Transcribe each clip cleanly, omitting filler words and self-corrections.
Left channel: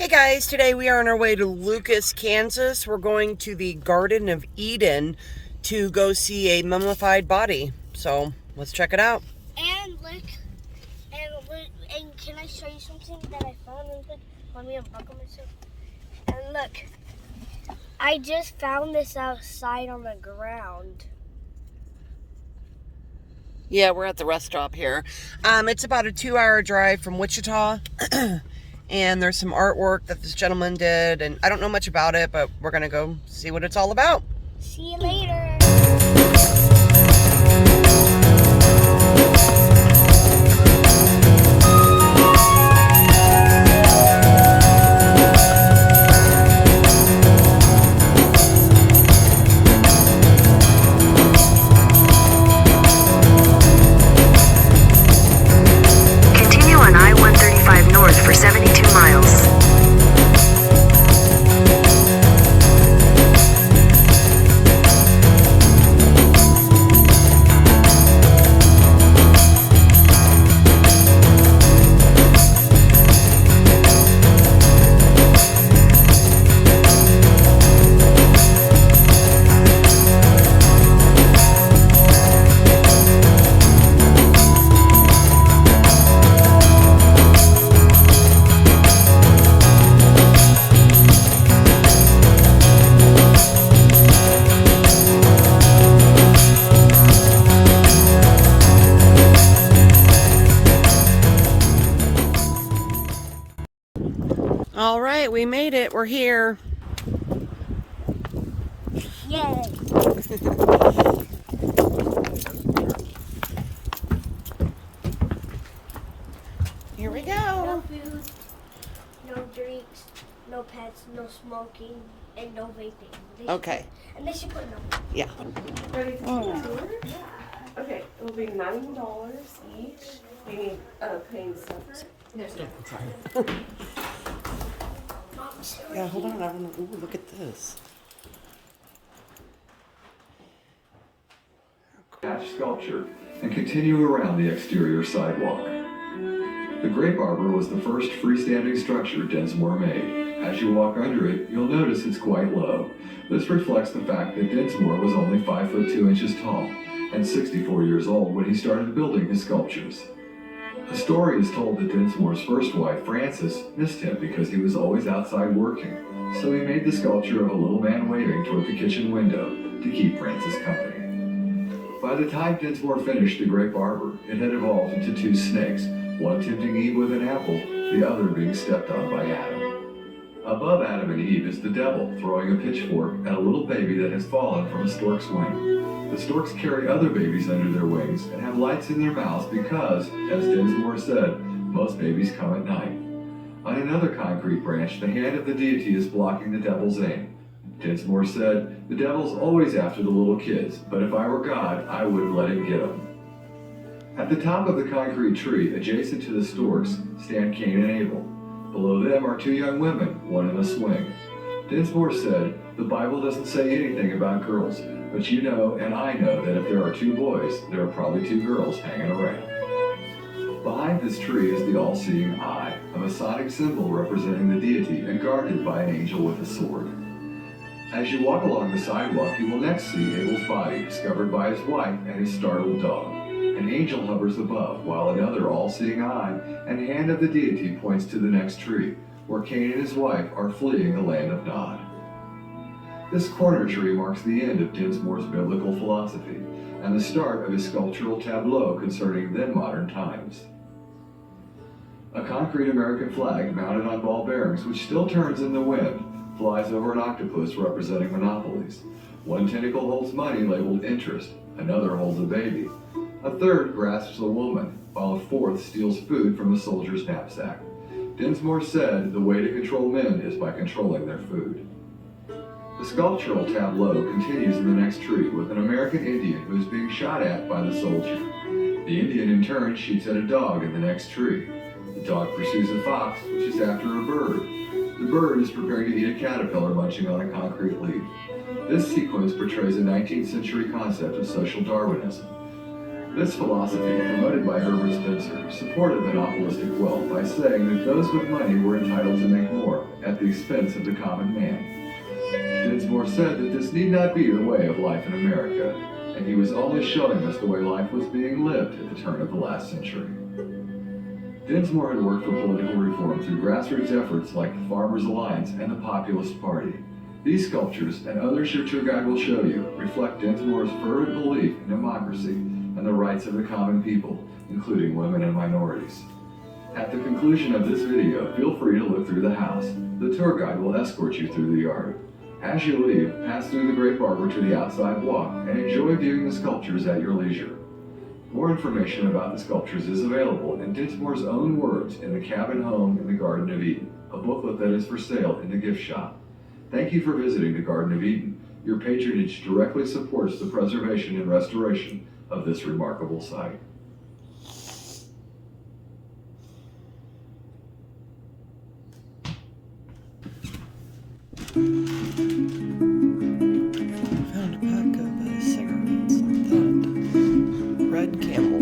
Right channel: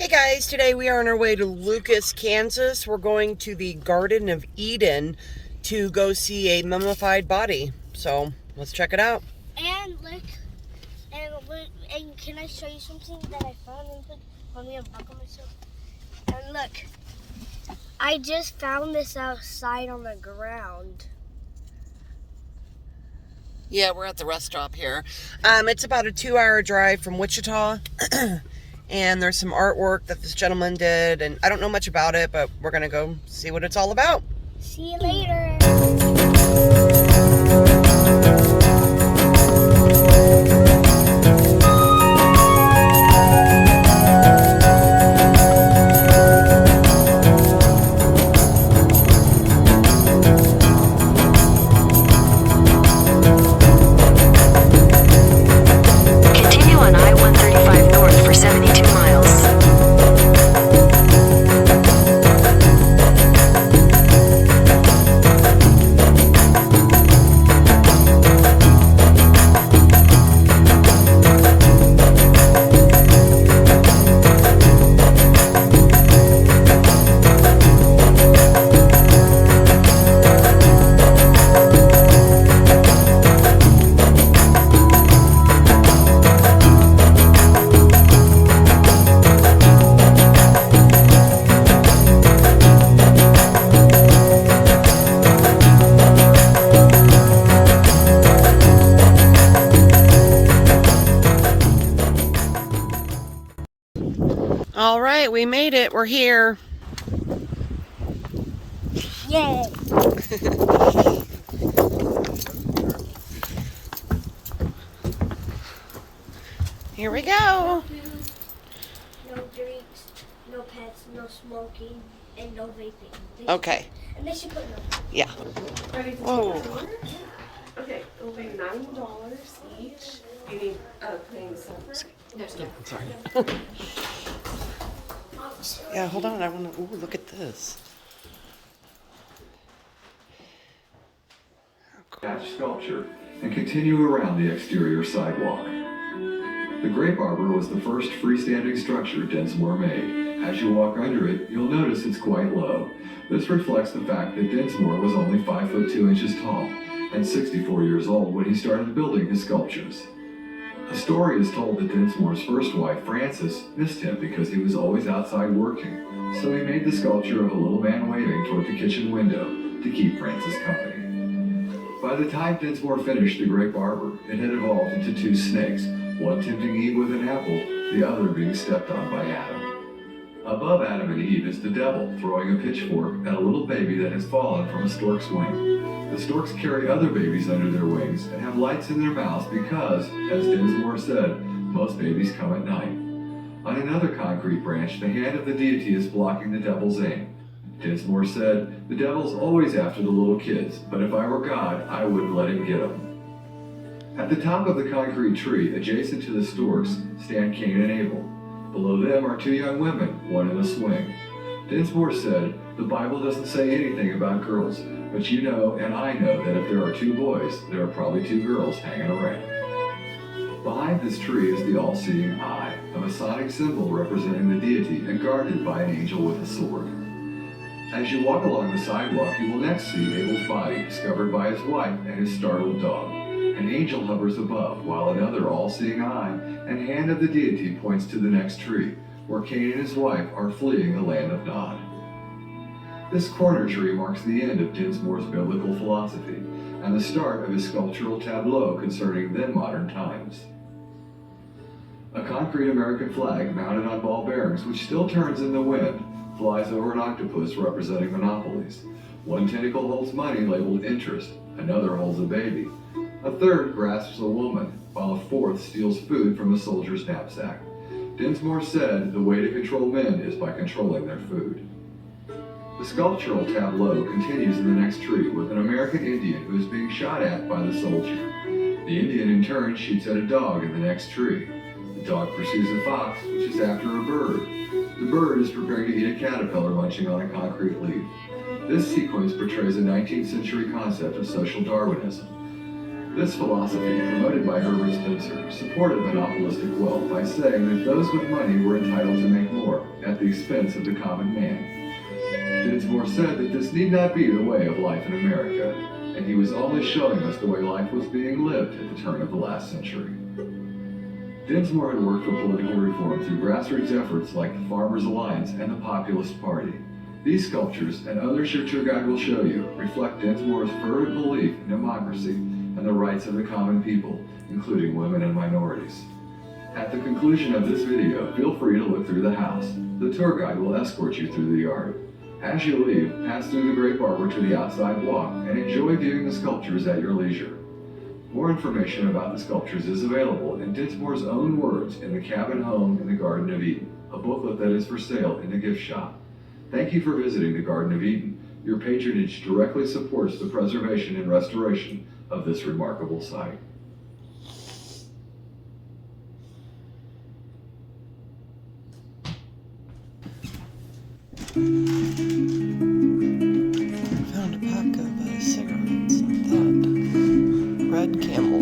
Hey guys, today we are on our way to Lucas, Kansas. We're going to the Garden of Eden to go see a mummified body. So let's check it out. And look, and can I show you something that I found real quick? Let me unbuckle myself. And look, I just found this outside on the ground. Yeah, we're at the rest stop here. It's about a 2-hour drive from Wichita. And there's some artwork that this gentleman did, and I don't know much about it, but we're gonna go see what it's all about. See you later. Continue on I-135 north for 72 miles. All right, we made it. We're here. Yay. Here we go. No food, no drinks, no pets, no smoking, and no vaping. Okay. And they should put no. Yeah. Ready to Whoa. take the order? Okay, it'll be $9 each. You need paying separate? I'm sorry. Yeah, hold on. I want to. Ooh, look at this. Sculpture and continue around the exterior sidewalk. The grape arbor was the first freestanding structure Densmore made. As you walk under it, you'll notice it's quite low. This reflects the fact that Densmore was only 5 foot 2 inches tall and 64 years old when he started building his sculptures. A story is told that Densmore's first wife, Frances, missed him because he was always outside working, so he made the sculpture of a little man waving toward the kitchen window to keep Frances company. By the time Densmore finished the grape arbor, it had evolved into 2 snakes, one tempting Eve with an apple, the other being stepped on by Adam. Above Adam and Eve is the devil throwing a pitchfork at a little baby that has fallen from a stork's wing. The storks carry other babies under their wings and have lights in their mouths because, as Densmore said, most babies come at night. On another concrete branch, the hand of the deity is blocking the devil's aim. Densmore said, "The devil's always after the little kids, but if I were God, I wouldn't let him get them." At the top of the concrete tree, adjacent to the storks, stand Cain and Abel. Below them are 2 young women, one in a swing. Densmore said, "The Bible doesn't say anything about girls, but you know and I know that if there are 2 boys, there are probably 2 girls hanging around." Behind this tree is the all-seeing eye, a Masonic symbol representing the deity and guarded by an angel with a sword. As you walk along the sidewalk, you will next see Abel's body discovered by his wife and his startled dog. An angel hovers above, while another all-seeing eye and hand of the deity points to the next tree, where Cain and his wife are fleeing the land of Nod. This corner tree marks the end of Densmore's biblical philosophy and the start of his sculptural tableau concerning then modern times. A concrete American flag mounted on ball bearings, which still turns in the wind, flies over an octopus representing monopolies. One tentacle holds money labeled interest, another holds a baby. A third grasps a woman, while a fourth steals food from a soldier's knapsack. Densmore said the way to control men is by controlling their food. The sculptural tableau continues in the next tree with an American Indian who is being shot at by the soldier. The Indian in turn shoots at a dog in the next tree. The dog pursues a fox, which is after a bird. The bird is preparing to eat a caterpillar munching on a concrete leaf. This sequence portrays a 19th century concept of social Darwinism. This philosophy, promoted by Herbert Spencer, supported monopolistic wealth by saying that those with money were entitled to make more at the expense of the common man. Dinsmore said that this need not be the way of life in America, and he was only showing us the way life was being lived at the turn of the last century. Dinsmore had worked for political reform through grassroots efforts like the Farmers Alliance and the Populist Party. These sculptures, and others your tour guide will show you, reflect Dinsmore's fervent belief in democracy and the rights of the common people, including women and minorities. At the conclusion of this video, feel free to look through the house. The tour guide will escort you through the yard. As you leave, pass through the grape arbor to the outside walk and enjoy viewing the sculptures at your leisure. More information about the sculptures is available in Dinsmore's own words in The Cabin Home in the Garden of Eden, a booklet that is for sale in the gift shop. Thank you for visiting the Garden of Eden. Your patronage directly supports the preservation and restoration of this remarkable site. Found a pack of cigarettes like that. Red Camel.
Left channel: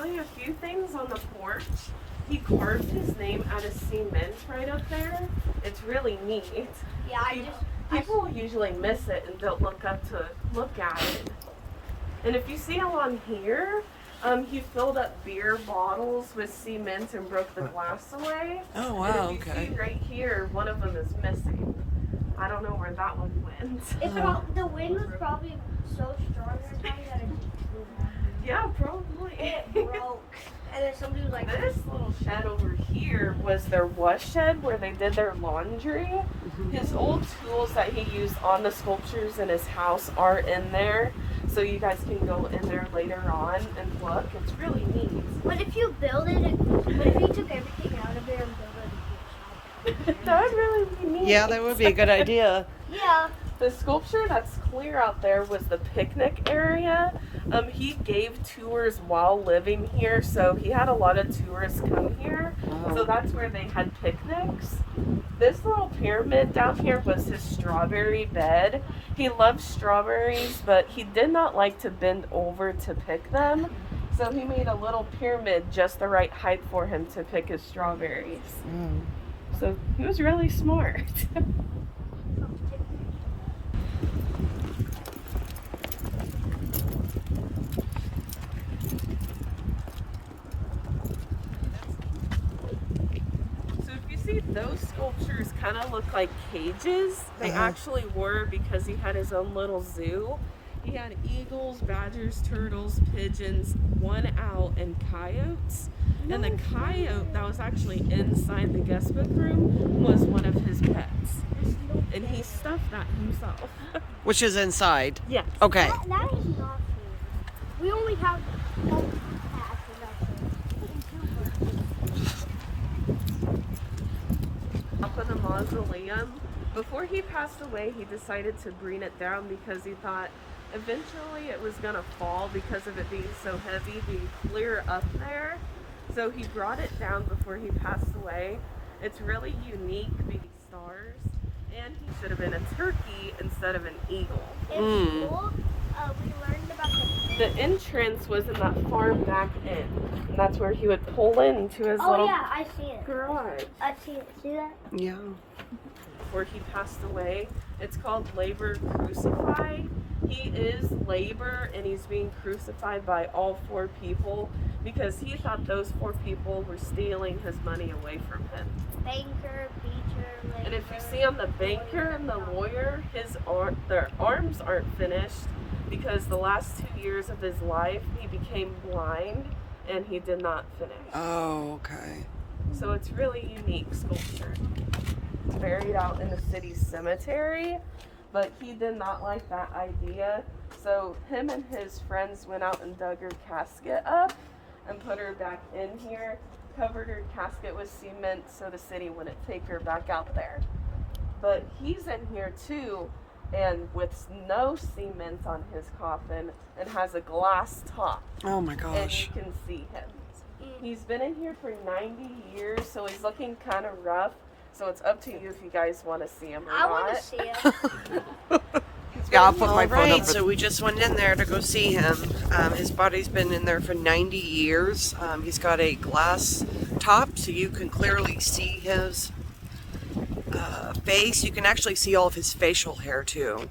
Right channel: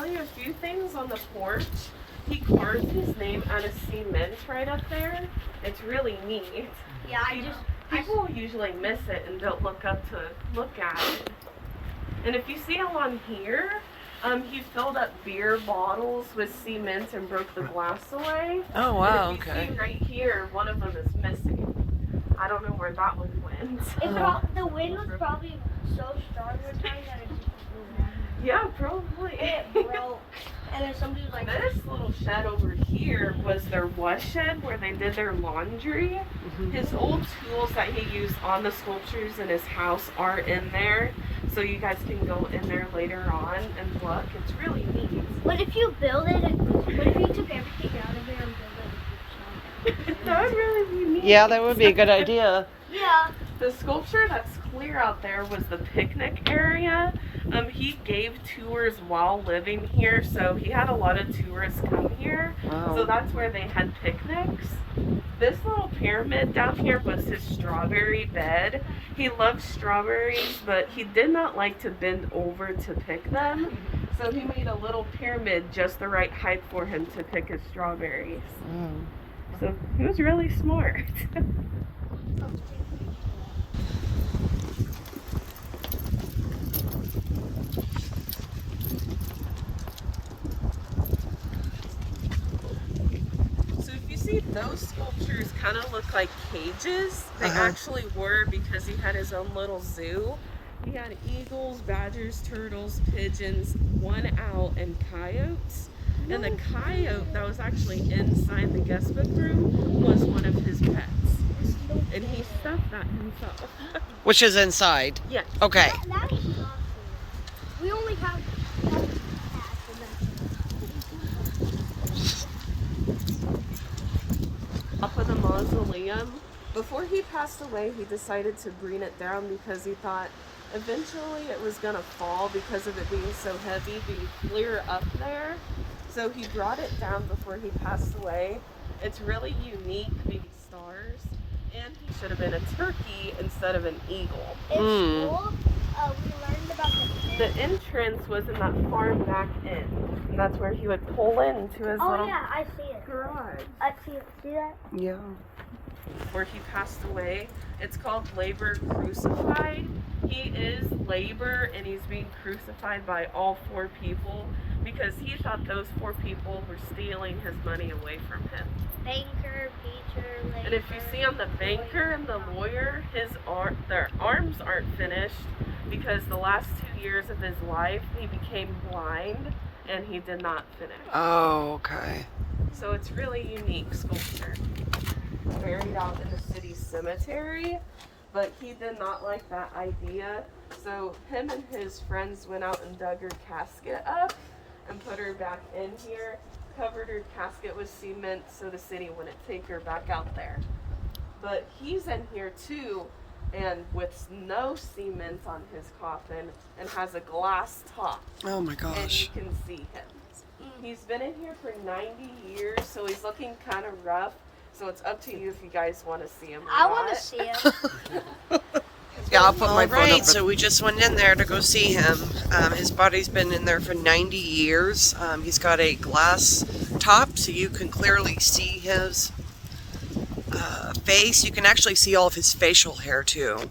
tell you a few things on the porch. He carved his name out of cement right up there. It's really neat. Yeah, People usually miss it and don't look up to look at it. And if you see along here, he filled up beer bottles with cement and broke the glass away. Oh, wow, And if you okay. see right here, one of them is missing. I don't know where that one went. the wind was probably so strong this time that Yeah, probably. it broke. And then somebody was like, This little shed over here was their wash shed where they did their laundry. His old tools that he used on the sculptures in his house are in there. So you guys can go in there later on and look. It's really neat. what if you build it? What if you took everything out of there and built it into a shop? That would really be neat. Yeah, that would be a good idea. Yeah. The sculpture that's clear out there was the picnic area. He gave tours while living here, so he had a lot of tourists come here. Wow. So that's where they had picnics. This little pyramid down here was his strawberry bed. He loved strawberries, but he did not like to bend over to pick them. So he made a little pyramid just the right height for him to pick his strawberries. Oh. So he was really smart. So if you see, those sculptures kind of look like cages. They actually were, because he had his own little zoo. He had eagles, badgers, turtles, pigeons, one owl, and coyotes. And the coyote that was actually inside the guest book room was one of his pets. And he stuffed that himself. Which is inside. Yes. Okay. That is awesome. We only have. Up with a mausoleum. Before he passed away, he decided to bring it down because he thought eventually it was gonna fall because of it being so heavy, being clear up there. So he brought it down before he passed away. It's really unique, maybe stars. And he should have been a turkey instead of an eagle. In school, we learned about The entrance wasn't that far back in. And that's where he would pull into his Oh little yeah, I see it. garage. I see it. See that? Yeah. Where he passed away. It's called Labor Crucified. He is labor, and he's being crucified by all four people because he thought those four people were stealing his money away from him. Banker, Peter, And if you see on the banker and the lawyer, their arms aren't finished because the last 2 years of his life he became blind and he did not finish. Oh, okay. So it's really unique sculpture. It's buried out in the city cemetery, but he did not like that idea. So him and his friends went out and dug her casket up and put her back in here, covered her casket with cement so the city wouldn't take her back out there. But he's in here too, and with no cement on his coffin, and has a glass top. Oh my And gosh. you can see him. He's been in here for 90 years, so he's looking kind of rough. So it's up to you if you guys want to see him or I not. want to see it. Yeah, I'll put my phone up. So we just went in there to go see him. His body's been in there for 90 years. He's got a glass top, so you can clearly see his face. You can actually see all of his facial hair too.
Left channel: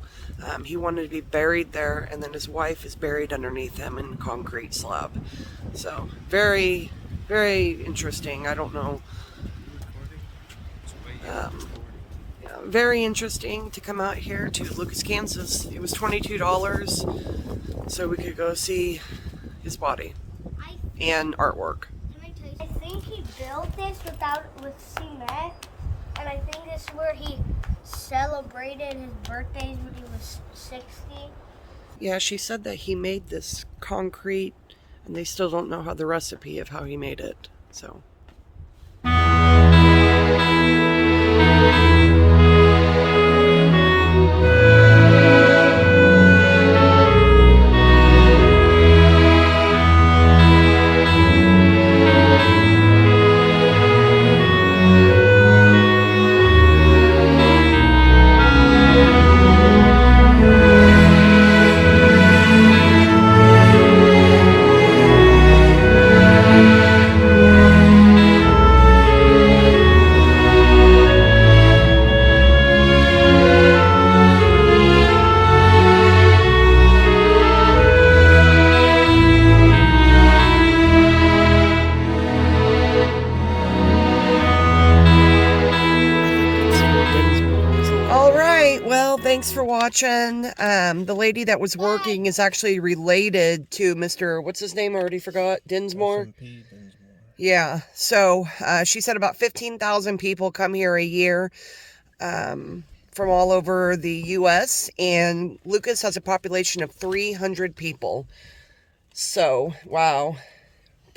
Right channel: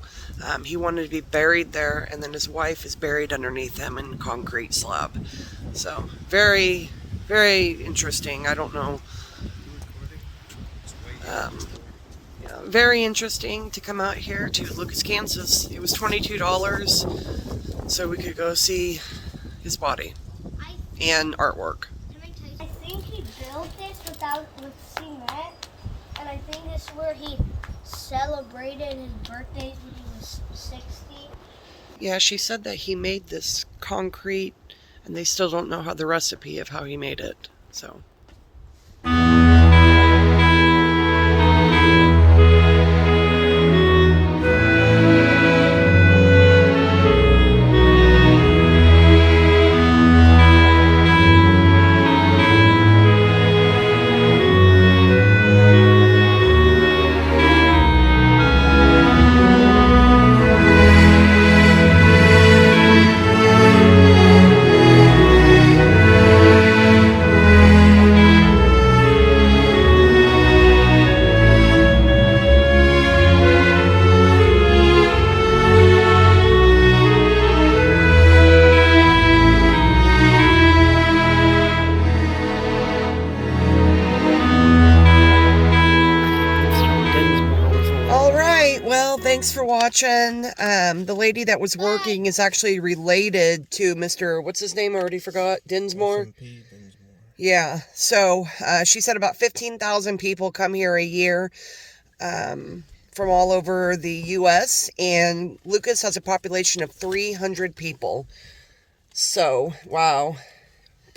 He wanted to be buried there, and then his wife is buried underneath him in a concrete slab. So very, very interesting. I don't know. Very interesting to come out here to Lucas, Kansas. It was $22 so we could go see his body and artwork. Can I tell you? I think he built this with cement, and I think this is where he celebrated his birthdays when he was 60. Yeah, she said that he made this concrete, and they still don't know how the recipe of how he made it. So. right. Well, thanks for watching. The lady that was working is actually related to Mr. What's his name? I already forgot. Dinsmore. Yeah. So she said about 15,000 people come here a year from all over the U.S. And Lucas has a population of 300 people. So, wow.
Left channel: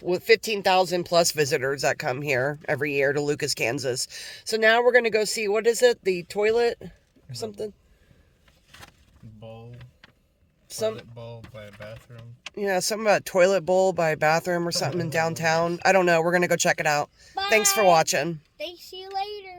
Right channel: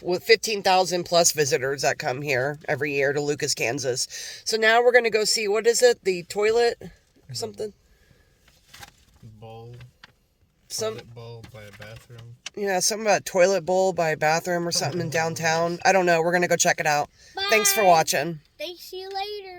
With 15,000 plus visitors that come here every year to Lucas, Kansas. So now we're going to go see, what is it? The toilet or something? Bowl. Some Toilet bowl by a bathroom. Yeah, something about a toilet bowl by a bathroom or something in downtown. I don't know. We're going to go check it out. Bye. Thanks for watching. Thanks, see you later.